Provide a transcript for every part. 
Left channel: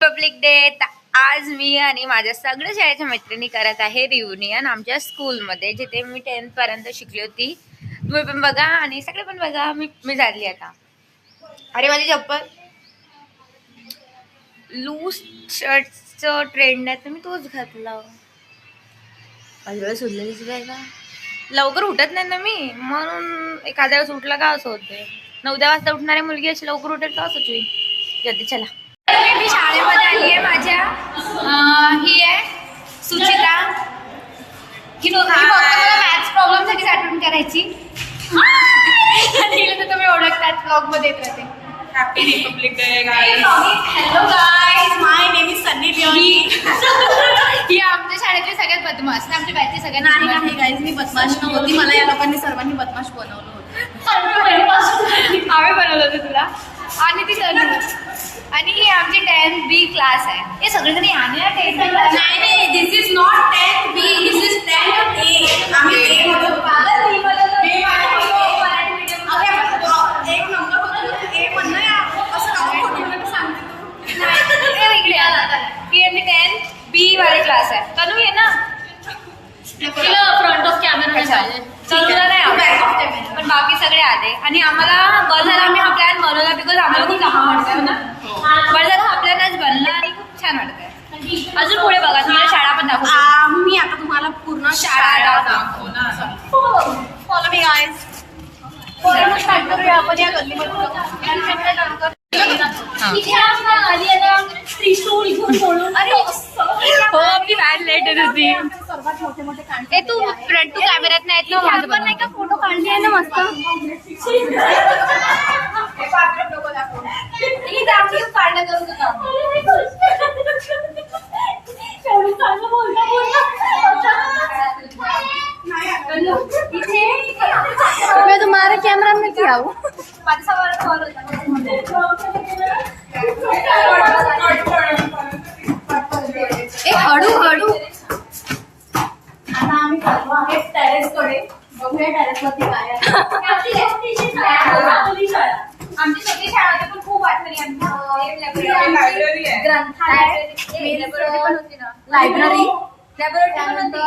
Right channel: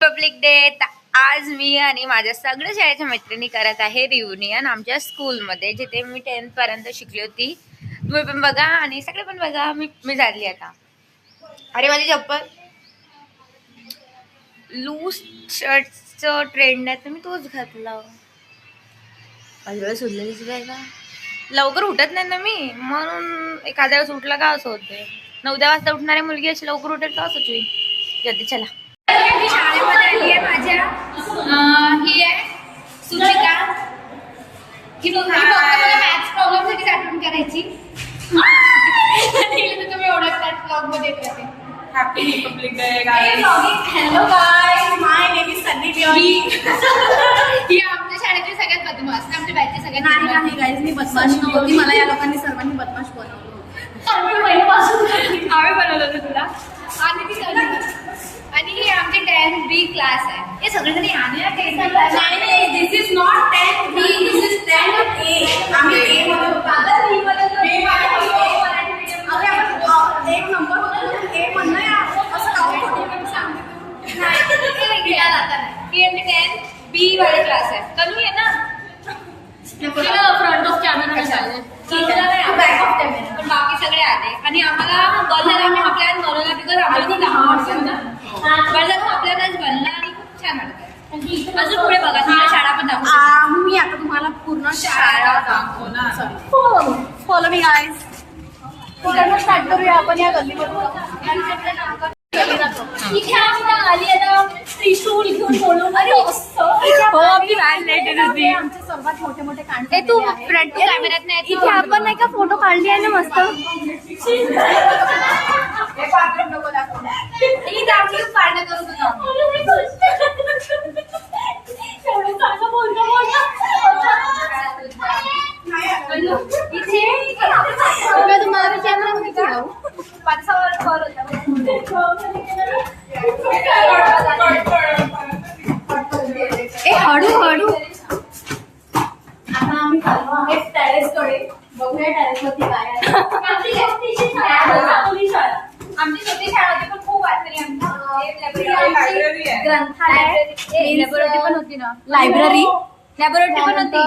Public day. आज मी आणि माझ्या सगळ्या शाळेच्या मैत्रिणी करत आहे रियुनियन आमच्या स्कूलमध्ये, जिथे मी 10th पर्यंत शिकली होती. तुम्ही पण बघा आणि सगळे पण बघा. मी झाली आता. अरे माझी चप्पल. लूज शर्टचं ट्रेंड आहे तर मी तोच घातला. माझ्या सुचलेलीच काय का, लवकर उठत नाही ना मी, म्हणून एखाद्या वेळेस उठला का असं होते. 9-10 वाजता उठणारी मुलगी अशी लवकर उठेल का असंच होईल. जल्दी चला. मी शाळेमध्ये आली आहे. माझ्या ही आहे सुचिता. ही फक्त मला मॅथ्स प्रॉब्लेम साठी आठवण करायची. आणि तुम्ही ओळखतात ब्लॉग मध्ये येत राहते. Happy republic day guys. Hello guys, my name is Sunny Leone. ही आमच्या शाळेतली सगळ्यात बदमाश, आमच्या बॅचची सगळ्यात नाही गाईज, मी बदमाश नव्हती. मला या लोकांनी सर्वांनी बदमाश बनवलं होतं. आम्ही बनवलं होतं तुला. आणि ती आणि ही आमची 10th B क्लास आहे. हे सगळेजण याने 10th क्लास. नाही, this is not 10th B, this is 10th A. आम्ही A मध्ये फादर B मध्ये एक नंबर होता A म्हणणं असं काऊन खोटं सांगते तू. ही आमची 10th B वाली क्लास आहे. तनु ये ना फ्रंट ऑफ कॅमेरा पण बाकी सगळे आले. आणि आम्हाला बरं झालं आम्ही हा प्लॅन बनवला, बिकॉज आम्हाला खूप लांब वाटतं ना. बरं झालं हा प्लॅन आज बनला आणि खूप छान वाटतंय. अजून पुढे बघा, तुम्हाला शाळा पण दाखवतो. मी आता तुम्हाला पूर्ण शाळा दाखवणार. Follow me guys. आपण या गल्लीमध्ये इथे आली आता त्रिशूल घेऊन बोलून. अरे हो, आपली व्हॅन लेट येत होती. सर्वात मोठे मोठे कांडे. ए तू फ्रंट टू कॅमेऱ्यात नाही येत ना. आपण नाही का फोटो काढली आहे ना मस्त. ही दाखली पाडणं करून मैं तुम्हारे कैमरा में क्या हूँ. ए हळू हळू. आता आम्ही चाललो आहे टेरेसकडे. बघूया टेरेसवरती काय आहे. आमची छोटी शाळा होती पण खूप वाटली. ग्रंथालय पण होती ना. लायब्ररी लॅबोरेटरी पण होती.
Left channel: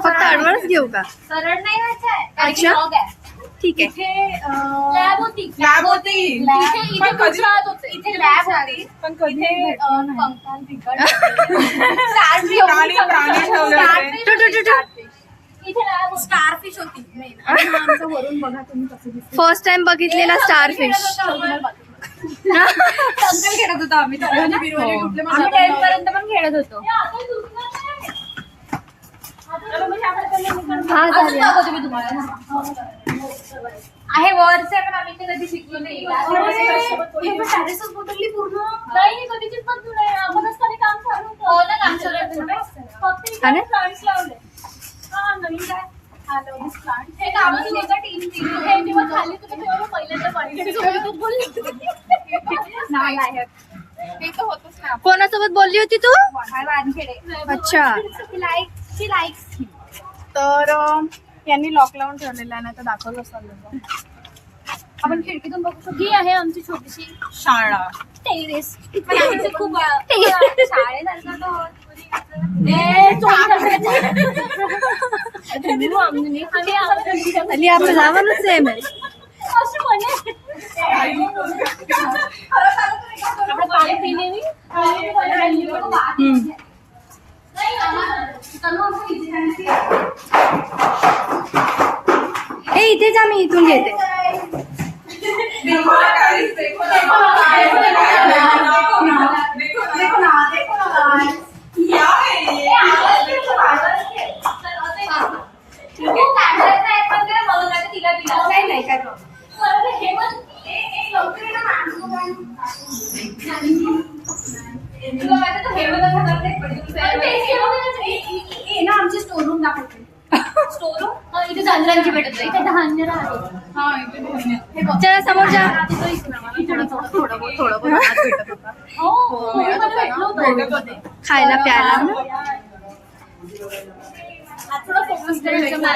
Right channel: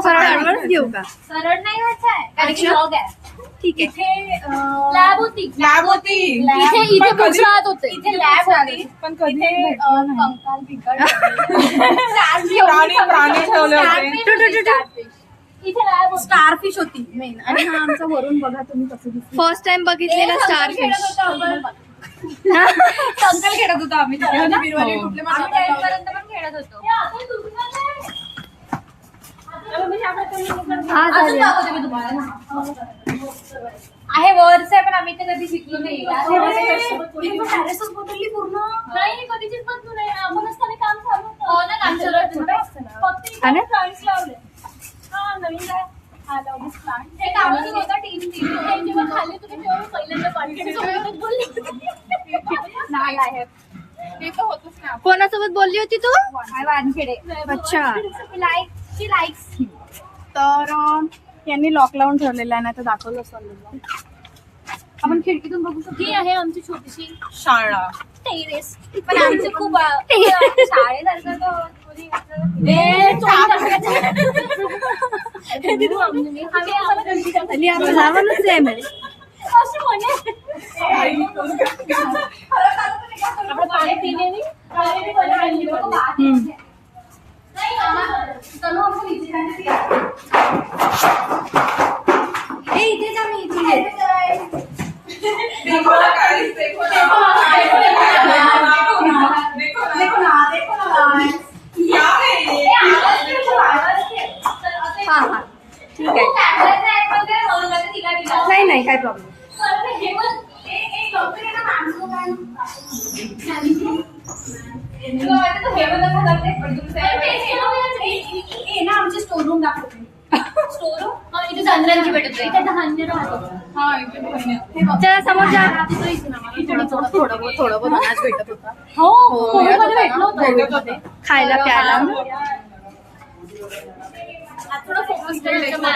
फक्त आडवळच घेऊ का. सरळ नाही व्हायचं अच्छा. ठीक आहे. लॅब होती. इथे गुजरात होते. इथे लॅब होती. पण कधी कंकाल बिकट स्टारफिश होती मेन. आमच्या वरून बघा तुम्ही कसं दिसतं. फर्स्ट टाइम बघितलेला स्टारफिश. कंकाल खेळत होतो आम्ही. आम्ही 10th पर्यंत पण खेळत होतो. हा झाले. आहे वरच आहे पण आम्ही ते कधी शिकलो नाही. टेरेसच बदलली पूर्ण. नाही कधीचीच पण तू नाही. आपण असताना काम चालू होतं. हो ना, काम चालू होतं. फक्त हा ना? प्लांट्स लावले. हा नवीन काय प्लांट हे कामच होतं. टीम जेव्हा खाली तुम्ही तेव्हा पहिल्यांदा पार्टिसिपेट बोलली. नाही आहे ते तर होतच नाही. कोणासोबत बोलली होती तू? वानखेडे. अच्छा. लाईक्स. तर यांनी लॉक लावून ठेवलेला आहे ना, तर दाखवलं चाललं. आपण खिडकीतून बघू शकतो. ही आहे आमची छोटीशी शाळा. टेरेस. पण आमचे खूप शाळेसारखं अली आपलं जावानच सेम आहे. आपण पाणी पिणे ए इथेच आम्ही इथून येते. नाही नाही काय प्रॉब्लेम. आमची स्टोर रूम दाखवते. स्टोर रूम इथे धान्य भेटत. इथे धान्य राहतो. चला समोर जा. थोडं भेटत होता. खायला प्यायला. थोडं फोकस करायचं.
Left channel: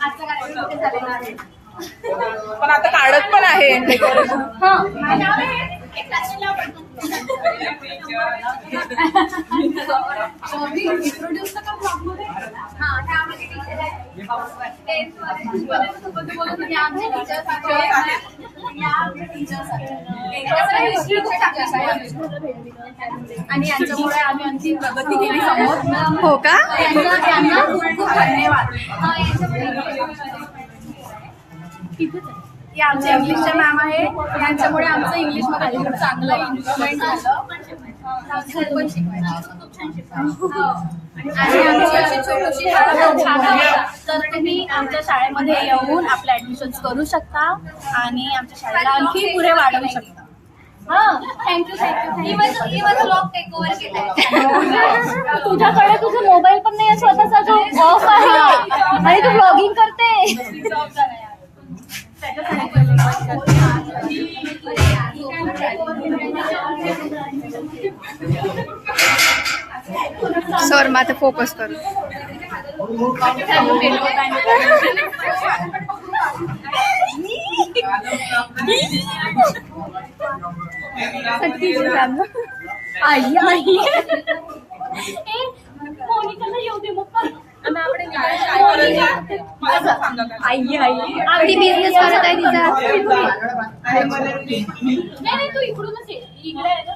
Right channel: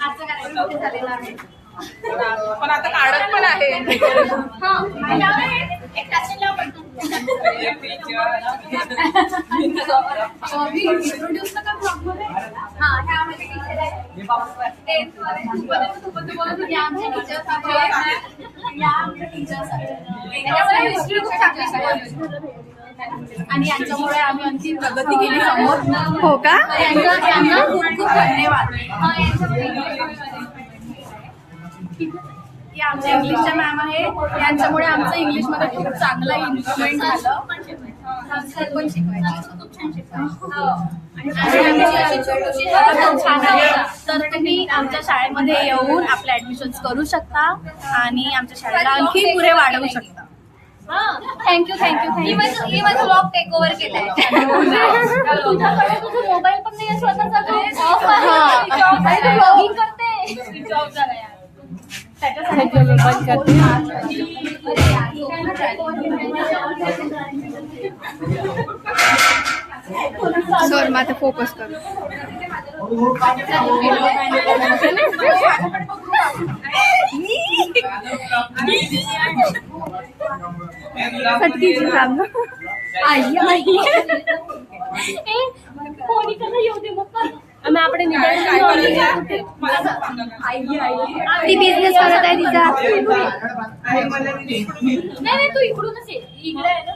आजचा कार्यक्रम झालेला आहे. पण आता काढत पण आहे. इंट्रोड्यूस का ब्लॉग मध्ये आणि यांच्यामुळे आम्ही आणखी प्रगती केली समोर. हो का? त्यांना खूप खूप धन्यवाद. हे आमचे इंग्लिशचे मॅम आहे. यांच्यामुळे आमचं इंग्लिशमध्ये खूप चांगलं इम्प्रुव्हमेंट झालं. पण शिकवायचं आणि आमची अशी छोटीशी शाळा पण छान आहे. तर तुम्ही आमच्या शाळेमध्ये येऊन आपले ऍडमिशन करू शकता आणि आमच्या शाळेला आणखी पुढे वाढवू शकता. Thank you thank you. माझा ब्लॉग टेक ओव्हर केलाय. तुझ्याकडे तुझा मोबाईल पण नाही स्वतःचा जो ऑफ आहे तू लॉगिंग करते. जॉब झाला सर मग आता फोकस करू. आई आई येऊ दे मग आपण ती बिझनेस करत आहे तिचा. नाही तू इकडूनच ये. इकडे आहे ना.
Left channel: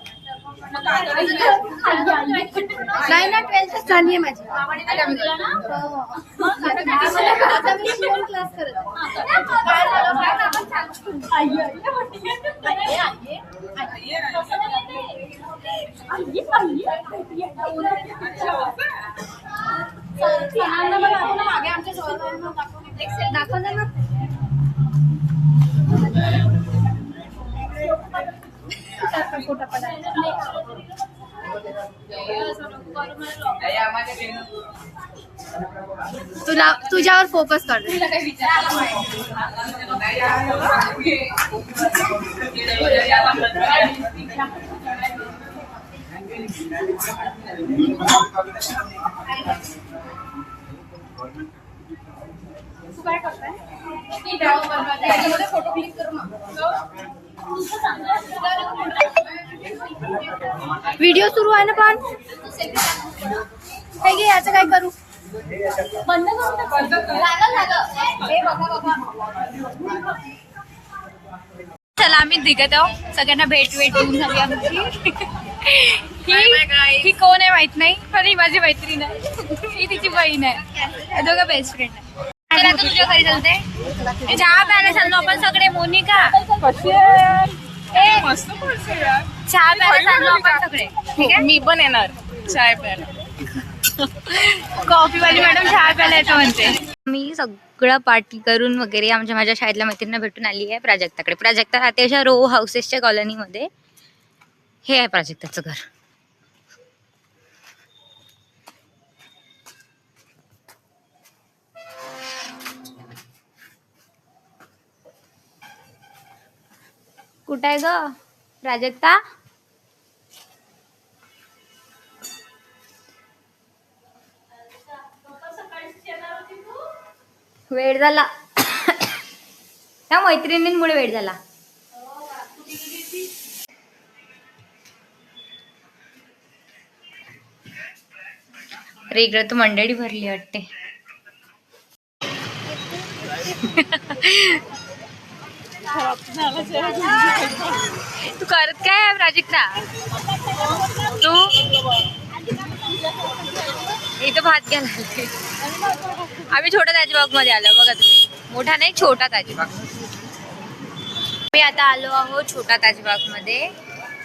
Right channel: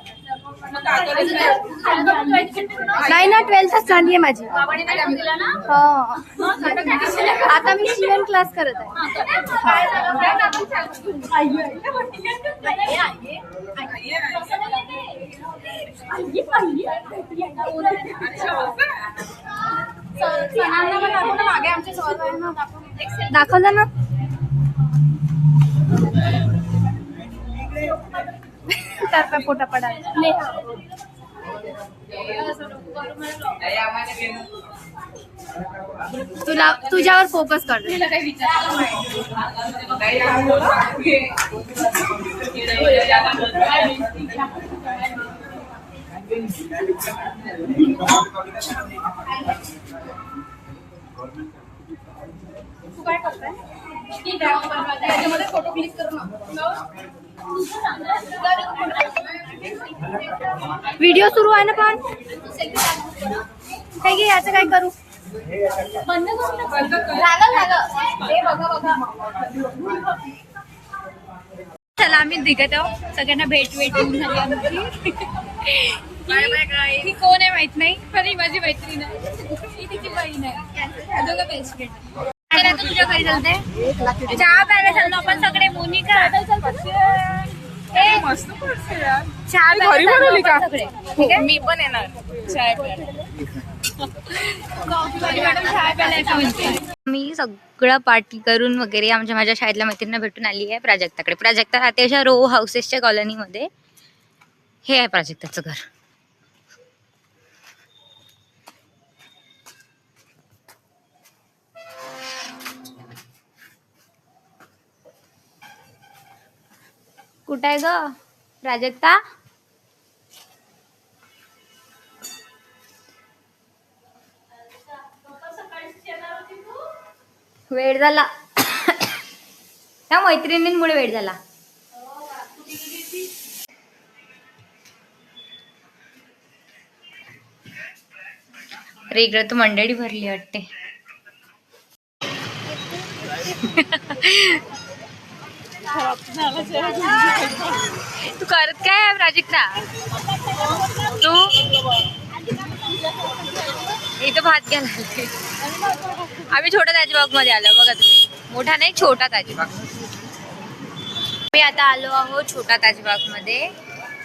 नाही ना 12th चालली आहे माझी. हो. आता मी शिवण क्लास करत मागे आमच्या सहकार्यांना आहे. दाखवलं ना. त्याचा फोटो पडायला तुला तुझ्यावर फोकस कर. तू काय करताय? त्याच्यामध्ये फोटो क्लिक करू ना. व्हिडिओ सुरू आहे ना पण काय घे याचं काय करू. बंद करून झालं. हे बघा. चला आम्ही निघत आहोत. सगळ्यांना भेट देऊन झाली आमची. ही कोण आहे माहित नाही पण ही माझी मैत्रीण आहे. ही तिची बहीण आहे. दोघं बेस्ट फ्रेंड आहे. तर आता तुझ्या घरी चालते. चहा प्यायला चाललो आपण सगळे. मोनिका मस्त पडते यार. चहा प्यायला चाललो आपण सगळे. ठीक आहे. मी पण येणार चाय प्यायला. कॉफीवाली मॅडम चहा प्यायला येतं म्हणते. मी सगळं पार्टी करून वगैरे माझ्या शाळेतल्या मैत्रिणींना भेटून आली आहे प्राजक्ताकडे. प्राजक्ता राहते अशा रो हाऊसेसच्या कॉलनीमध्ये. हे आहे प्राजक्ताचं घर. कुठं आहे ग प्राजक्ता? वेळ झाला. त्या मैत्रिणींमुळे वेळ झाला. अरे इकडे तर मंडळी भरली वाटते. तू करत काय आहे प्राजक्ता? तू इथं भात घ्यायला आले. आम्ही छोटा ताजबाग मध्ये आलो बघा तुम्ही. मोठा नाही छोटा ताजबाग. मी आता आलो आहोत छोटा ताजबाग मध्ये.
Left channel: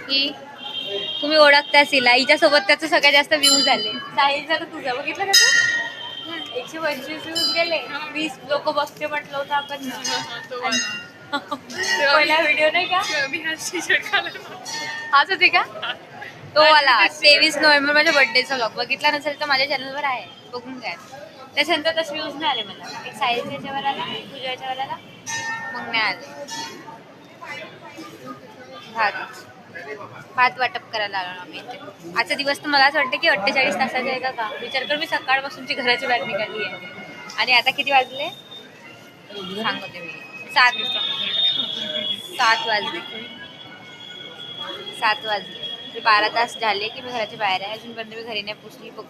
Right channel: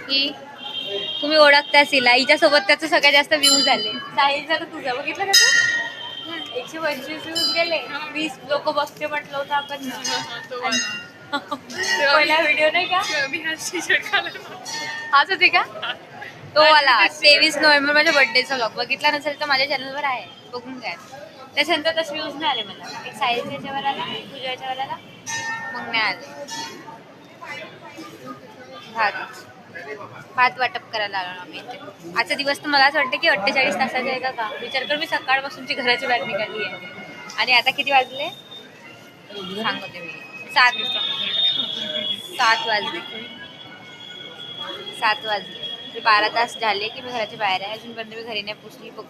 ही तुम्ही ओळखता सिला. हिच्यासोबत त्याचं सगळ्यात जास्त व्ह्यूज आले. साहिलचा तर तुझा बघितलं का तू? 125 व्ह्यूज गेले. 20 लोक बघते म्हटलं होतं आपण. पहिला व्हिडिओ नाही का? हाच होते का? तो आला 23 नोव्हेंबर माझ्या बर्थडेचा व्लॉग. बघितला नसेल तर माझ्या चॅनलवर आहे, बघून घ्या. त्याच्यानंतर तसे व्ह्यूज नाही आले मला. एक साहिलच्या याच्यावर आला, तुझ्या याच्यावर आला, मग नाही आले. भात वाटप करायला आलो आम्ही इथे. आजचा दिवस तर मला असं वाटतं की 48 तासाचा आहे का. विचार कर मी सकाळपासूनची घराची बाहेर निघाली आहे. आणि आता किती वाजले सांगते मी. 7 वाजले. 7 वाजले. 12 तास झाले की मी घराच्या बाहेर आहे. अजूनपर्यंत मी घरी नाही पोचली. बघ